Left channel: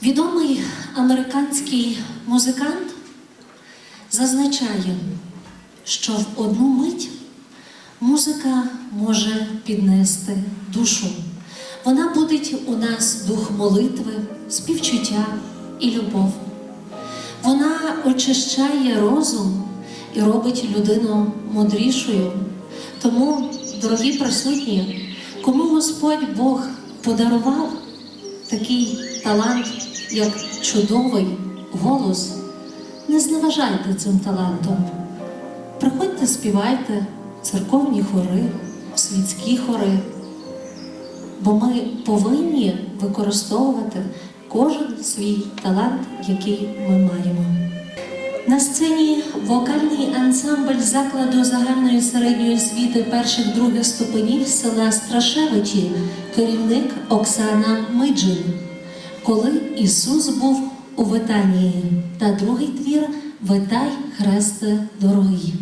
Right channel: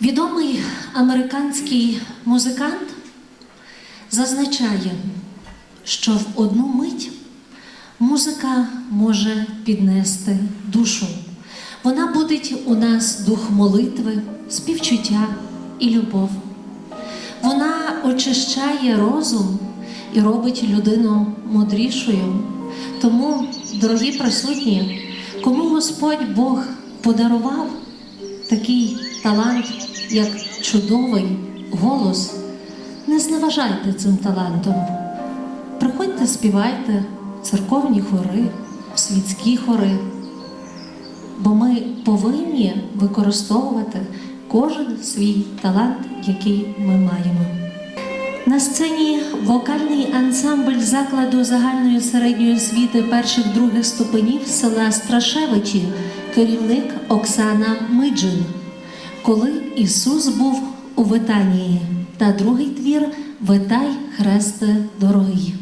Відомий американський музикант зазначає, що в одну мить музика може піднести душу. Вона будить у нас дух молитви, співчуття і любов. Вона очищає розум і робить людину мудрішою. Тому, дорогі присутні, кому Господь Бог подарував такий талант, як чудовий голос, не зневажайте цим талантом. Приходьте, співайте церковні хори, світські хори, бо ми повинні використовувати кожен свій талант, який ми маємо. На сцені вокальний ансамбль закладу загальної середньої освіти перших других ступенів села Страшевичі, керівник Оксана Миджин. Коли Ісус був у Витанії, та другий твір Витай, хресте дорогий.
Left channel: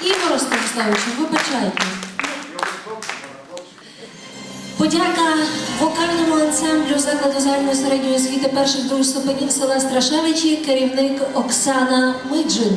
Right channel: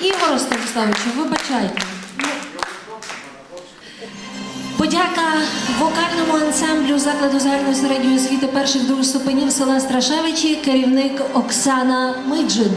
Ігор Станіславовичу, вибачайте. Подяка вокальному ансамблю закладу загальної середньої освіти перших других ступенів села Страшевичі, керівник Оксана Миджин.